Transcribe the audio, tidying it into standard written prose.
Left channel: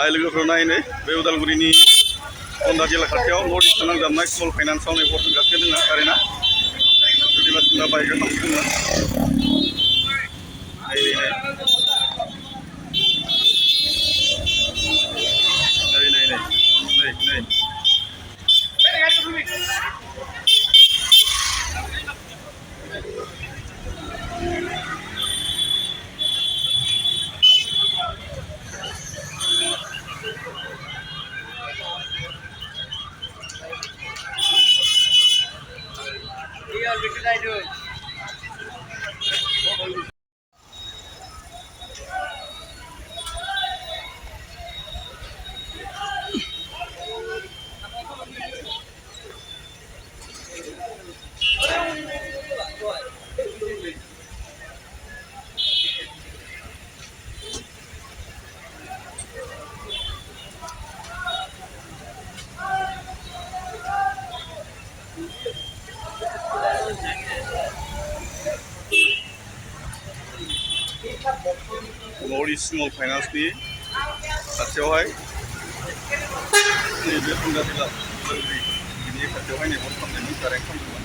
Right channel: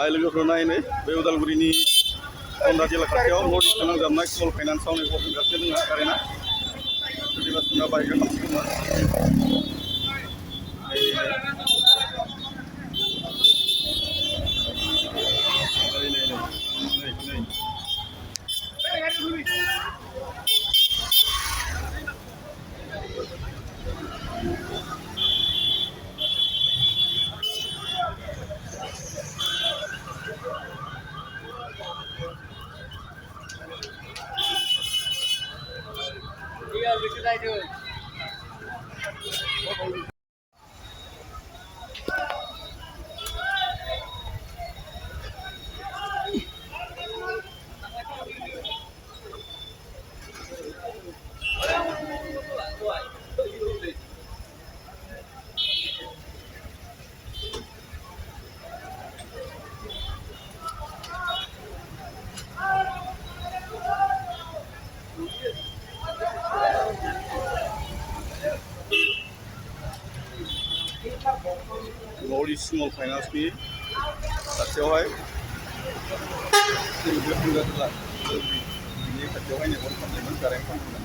आइ लोगोफोरा नायनो बे उदालगुरिनि टंला जिल्ला खाथियाव नर्थ इस्ट नांजाबनाय स्मल फाइनान्सआव गासिनो दङ कारेन्टआ सोरनिबा सोरनिबा बाहायग्रा खालामदोंमोन नर्थ इस्ट स्मल फाइनान्सनि खाथियावहाय नैबे टंला जिल्ला उदालगुरि बिनि खाथियावहाय नैबे खालामदोंमोन कारेन्ट खालामदोंमोन